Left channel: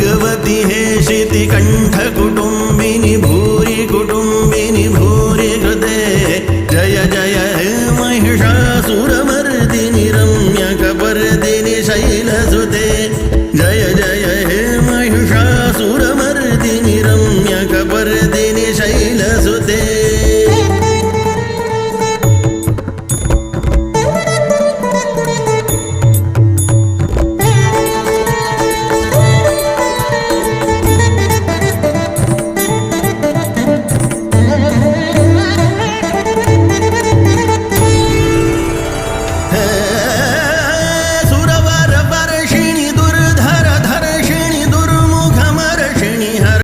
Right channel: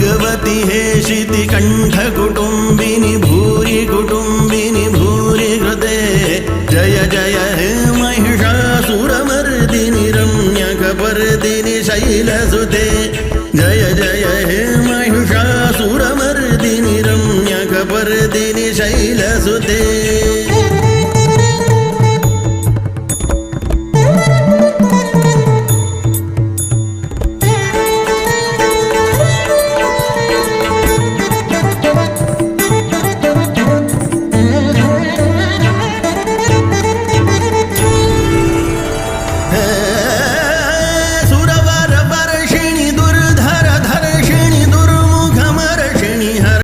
भगवति हेशिति कण्ठकुटुम्बिनि भूरि कुटुम्बिनि भूरि कृते जय जय हे महिषासुरमर्दिनि रम्यकपर्दिनि शैलसुते जय जय हे महिषासुरमर्दिनि रम्यकपर्दिनि शैलसुते।